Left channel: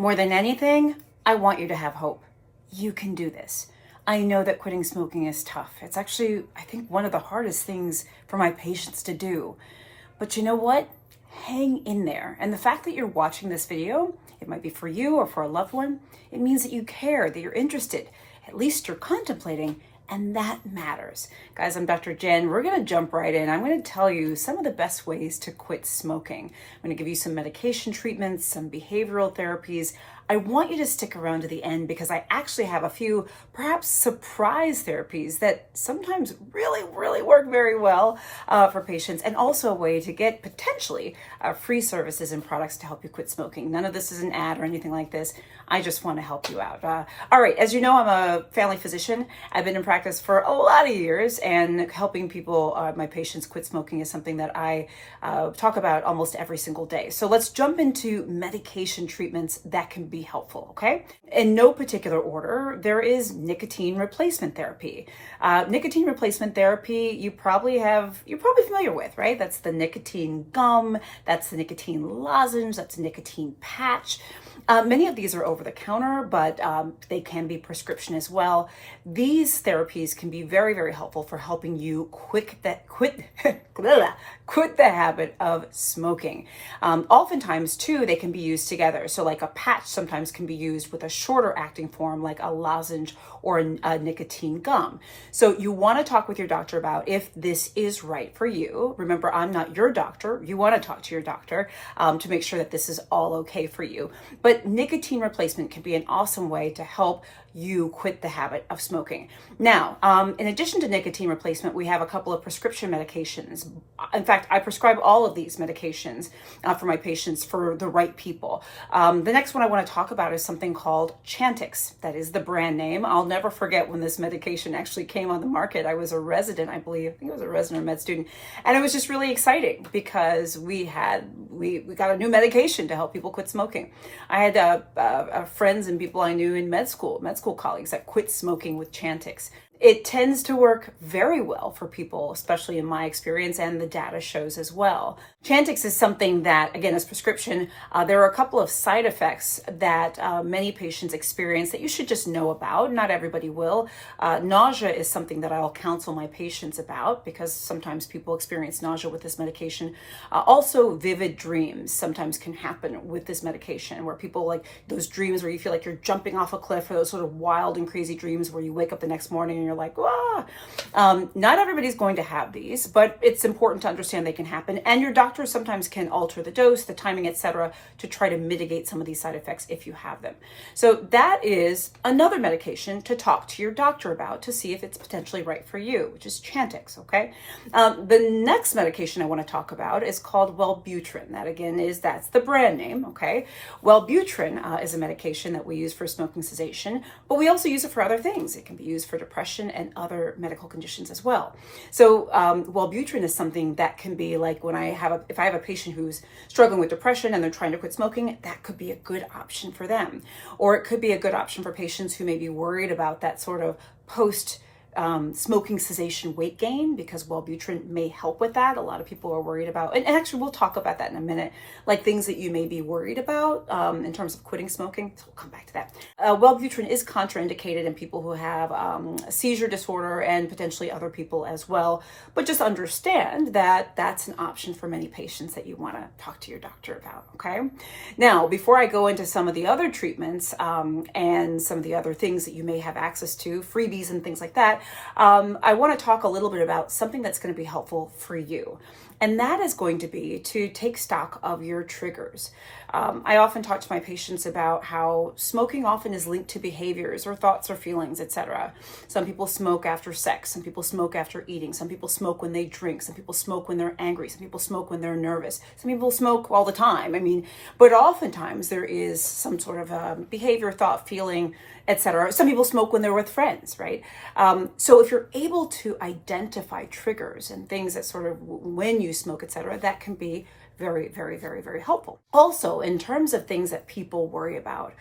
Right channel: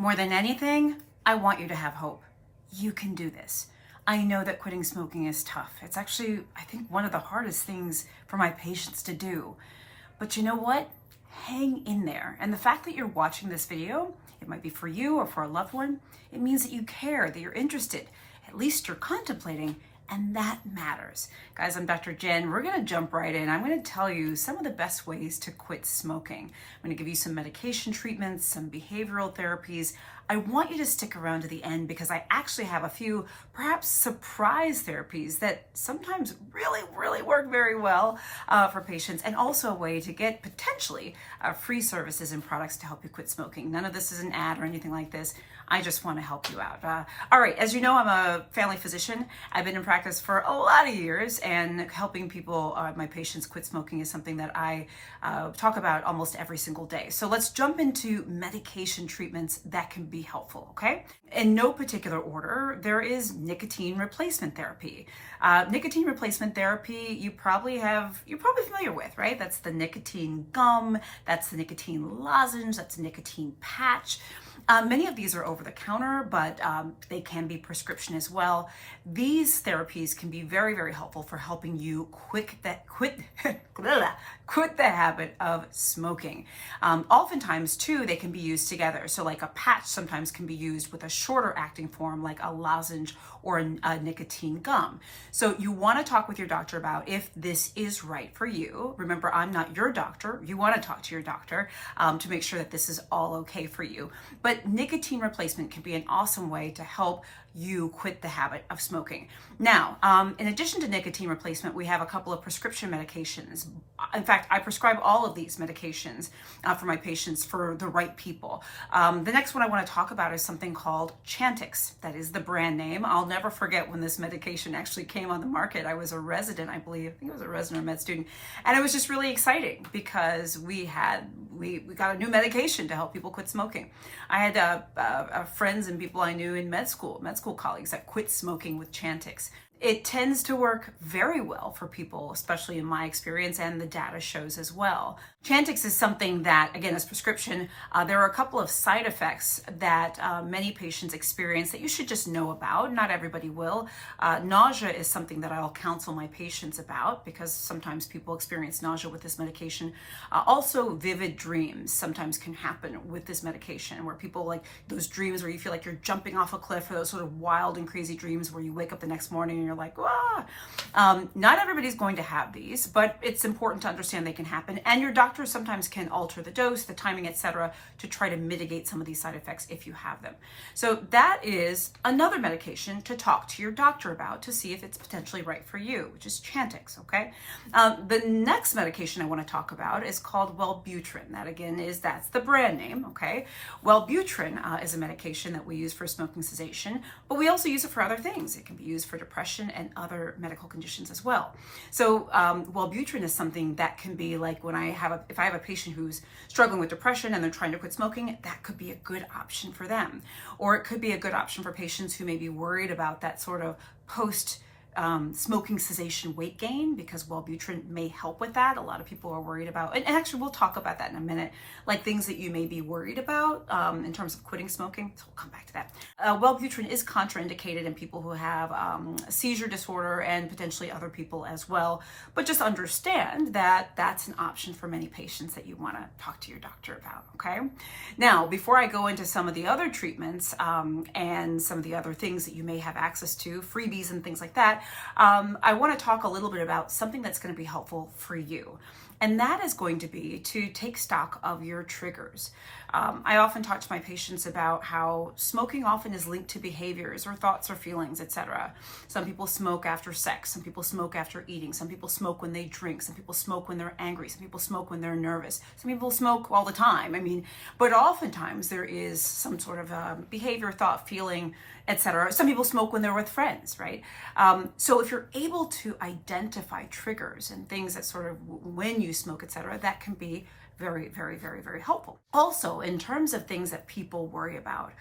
More than anything, I want you to have hope. You can do this. I know that quitting smoking is tough. It's actually, I think, one of the hardest things for my patients to do. But you know what? Hang in there. And the fact that you're watching this video, it might be for you or for a loved one, it means that you care, that you're interested, at least you're contemplating, and that matters. Guys, I'm Dr. Jen. We're gonna jump right in. I'm gonna tell you some of the best ways to quit smoking. I'm gonna give you some medication treatments, some behavioral therapies. I want you to stick around to the end because I actually have a few perhaps surprise therapies that sometimes really work very well for patients, and also a way to get potentially free services and products to help you quit smoking. None of this is an ad or anything like this. I just want to help you out. All right, as you know, I'm a family physician. I've been in practice for a lot of years, and helping people, my patients, quit smoking is something that I talk about almost every single day. So let's jump into medication treatments that can be helpful, okay? In no particular order, there is nicotine replacement therapy. Nicotine replacement therapy, you're probably familiar with, right? That's the nicotine gum, that's the nicotine lozenge, that's the nicotine patch. Many of these are over the counter, but they can be prescription as well. These therapies can be very helpful for helping you quit the habit of smoking. Oftentimes too, they can be used together. So like a patch sometimes can be used with a shorter acting form like a lozenge or a nicotine gum. So you want to talk with your doctor about if this is right for you. Remember, I'm not your doctor. You want to talk to your doctor to make sure that this is all okay for you. But nicotine replacement can be an awesome way to help you quit the habit of smoking. Now, in addition to nicotine replacement, we have a couple of prescription medications. In fact, I prescribe all of these medications for my patients for the right people. The next one I want to talk about is something called Chantix. That is the brand name. I'll never forget when this medication actually came on the market. I was a resident, I believe. I think I was a resident or med student. And it was just really exciting because we got a new medication to help people quit smoking. I had friends and people I knew in med school colleagues that quit smoking with Chantix. It tends to work very well for people, especially in my experience, and the data shows as well. Chantix is something that, again, is prescription. There are a couple of side effects that many patients experience that you should just know about. Not everybody will. Nausea is something that I'll counsel my patients about because sometimes people experience nausea with this medication. Also, vivid dreams sometimes can happen with this medication, where people like those dreams where you feel like you're jumping off a cliff, or those sort of wild and crazy dreams where you wake up the next morning and you're like, "Wah!" Not everybody's going to have these, but it's important to understand they can happen. And your doctor sometimes can alter the dose, the timing, etc., to try to mitigate some of these side effects if you have them. So that is another medication to talk to your doctor about to see if it's potentially right for you, which is Chantix, okay? The next medication I want to talk about is called Wellbutrin. That again that's the brand name, okay? Wellbutrin is a medication that we use for smoking cessation, but we also use it for other things. It can be used for depression and other medical conditions as well. So Wellbutrin is something that can be like if I have a patient who's struggling with depression and they're trying to quit smoking, that could be a good option for them. Or it could be a good option for patients who may be worried about that sort of post smoking cessation weight gain, because Wellbutrin may help with that. A lot of people are worried about, and actually we'll talk about that in a minute, like things that you may be worried about in terms of quitting smoking. So we'll come back to that. Wellbutrin is contraindicated in people who have a seizure disorder and potentially other people as well. But just understand that that's an option for many patients that you want to talk to your doctor about, okay? Now, before I go into some of the other treatments and some of the other things that you may have access to, freebies and things like that, I want to talk a little bit about something that's going to be helpful for you. And that is going to be to take stock of your triggers. I often talk to my patients about how smoking often is linked to behaviors or thoughts or feelings, etc. Some people smoke after sex. Some people smoke after eating. Some people smoke when they drink. Some people smoke when they're angry. Some people smoke when they're nervous. Some people smoke all the time. But oftentimes there is some sort of behavior, thought, feeling, etc. Some people smoke when they're with friends, right? So if you're able to identify triggers and things that sort of when you smoke, etc., that can be very, very, very, very helpful. Also, in terms of things that people worry about,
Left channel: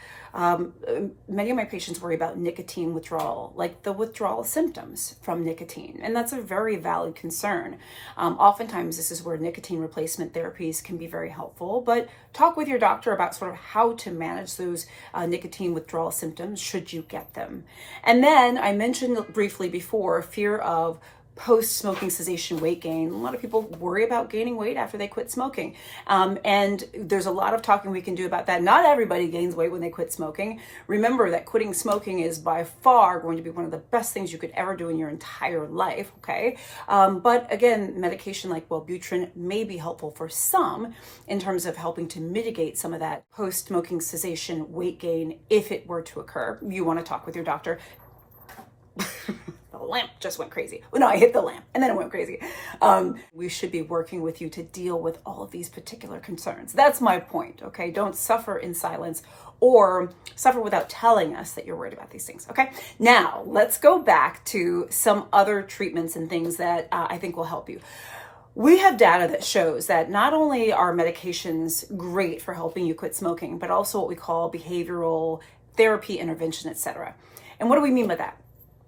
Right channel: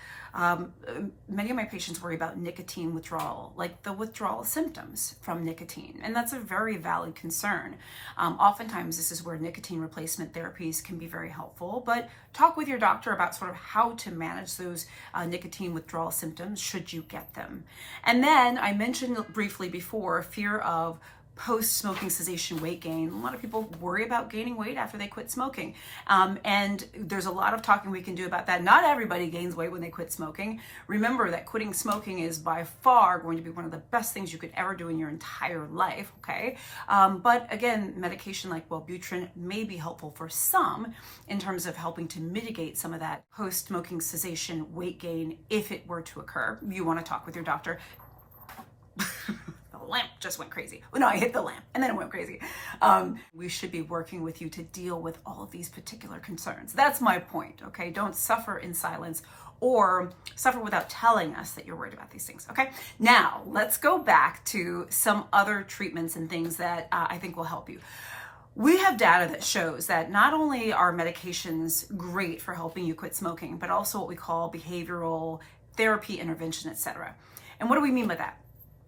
many of my patients worry about nicotine withdrawal, like the withdrawal symptoms from nicotine. And that's a very valid concern. Oftentimes, this is where nicotine replacement therapies can be very helpful, but talk with your doctor about sort of how to manage those nicotine withdrawal symptoms should you get them. And then I mentioned briefly before, fear of post-smoking cessation weight gain. A lot of people worry about gaining weight after they quit smoking. And there's a lot of talking we can do about that. Not everybody gains weight when they quit smoking. Remember that quitting smoking is by far going to be one of the best things you could ever do in your entire life, okay? But again, medication like Wellbutrin may be helpful for some in terms of helping to mitigate some of that post-smoking cessation weight gain if it were to occur. You want to talk with your doctor. The lamp just went crazy. Well, no, I hit the lamp and then it went crazy. We should be working with you to deal with all of these particular concerns. That's my point, okay? Don't suffer in silence or suffer without telling us that you're worried about these things, okay? Now, let's go back to some other treatments and things that I think will help you. We have data that shows that not only are medications great for helping you quit smoking, but also what we call behavioral therapy intervention, etc. And what do we mean by that?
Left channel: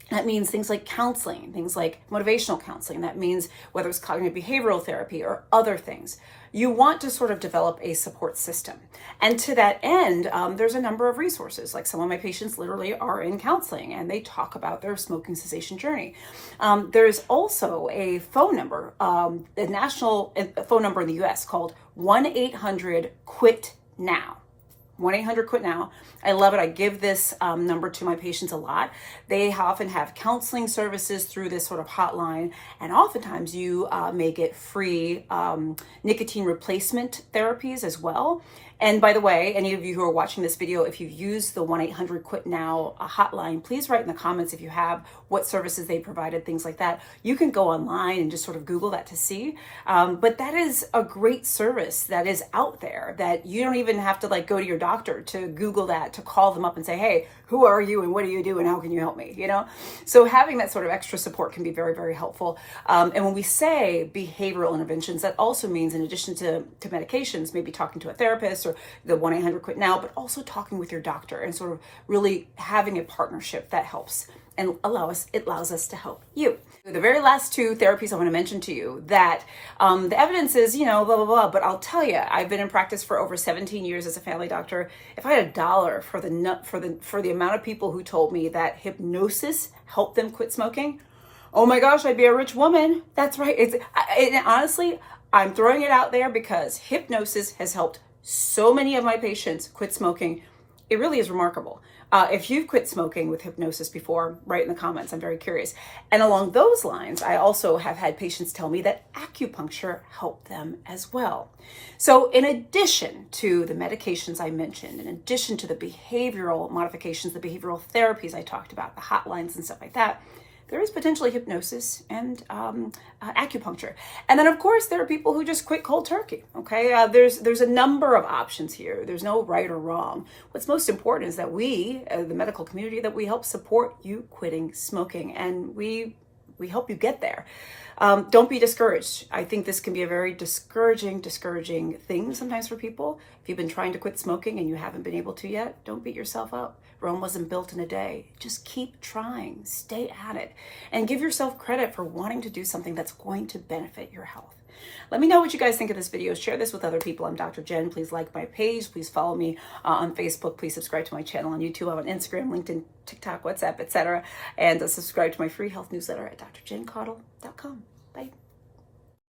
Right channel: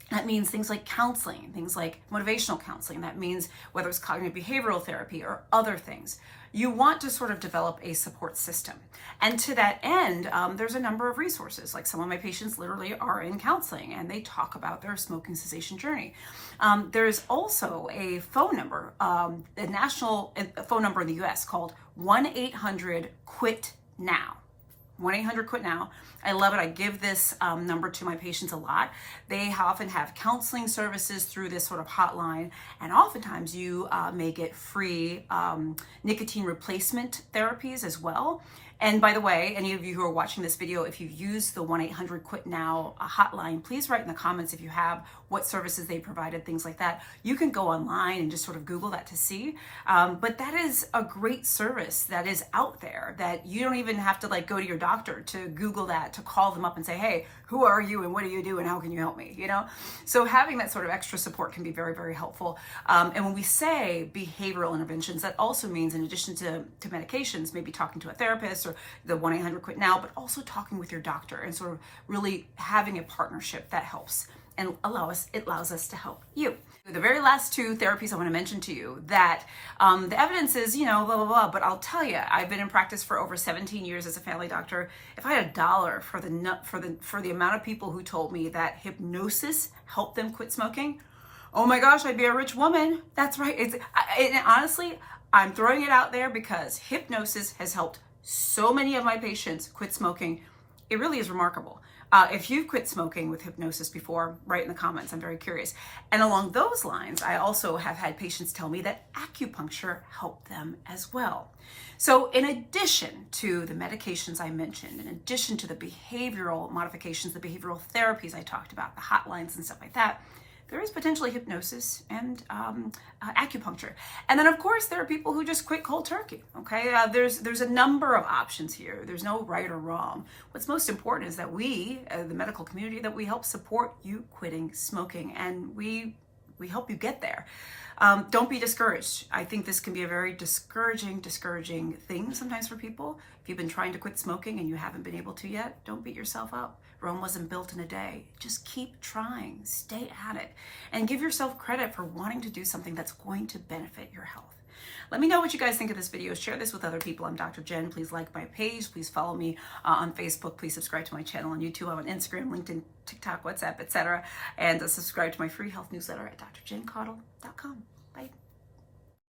That means things like counseling, things like motivational counseling. That means whether it's cognitive behavioral therapy or other things. You want to sort of develop a support system. And to that end, there's a number of resources. Like some of my patients literally are in counseling and they talk about their smoking cessation journey. There's also a phone number, a national phone number in the US called 1-800-QUIT-NOW. 1-800-QUIT-NOW. I love it. I give this number to my patients a lot. They often have counseling services through this sort of hotline, and oftentimes you may get free nicotine replacement therapies as well. And by the way, any of you who are watching this video, if you've used the 1-800-QUIT-NOW hotline, please write in the comments if you have, what services they provided, things like that. You can go online and just sort of Google that to see. But that is a great service that is out there that you don't even have to like go to your doctor to Google that, to call them up and say, hey, who are you and what do you do and how can you help me, you know? So having that sort of extra support can be very, very helpful. And when we say behavioral interventions, that also means in addition to medications, maybe talking to a therapist or the 1-800-QUIT-NOW, but also talking with your doctor and sort of really having a partnership that helps and it allows us to help you. The very last two therapies I want to mention to you that the evidence is, you know, blah, blah, blah, but I'll tell you, I've been in practice for over 17 years as a family doctor. If I had $1 for the amount of people who told me that hypnosis helped them quit smoking, oh my gosh, I'd be a rich woman. That's right. Honestly, I'm throwing it out there because hypnosis has helped so many of my patients quit smoking. It really is remarkable. If you've quit smoking with hypnosis before, write in the comments. I'm very curious. And along those lines, I also have had patients tell me that acupuncture helped them as well. So in addition to the medications I mentioned, in addition to the behavioral modifications, the behavioral therapies I talked about, the hotlines and stuff like that, there is potentially hypnosis and acupuncture. And then of course, there are people who just quit cold turkey, okay? There's a number of options here. There's no right or wrong. What's most important is that we, the medical community, that we help support you quitting smoking, and we help you get there. Don't be discouraged. I think this can be a very discouraging thing sometimes for people. If you've been trying to quit smoking and you haven't been able to yet, don't beat yourself up. Rome wasn't built in a day. Just keep trying, stay at it, and give yourself credit for wanting to do something that's going to benefit your health. Let me know what you guys think of this video. Share this with other people. I'm Dr. Jen. Please like my page. Please follow me on Facebook. Please subscribe to my channel on YouTube. I'm on Instagram, LinkedIn, TikTok, WhatsApp, etc. And subscribe to my free health newsletter at drjencaudle.com. Bye.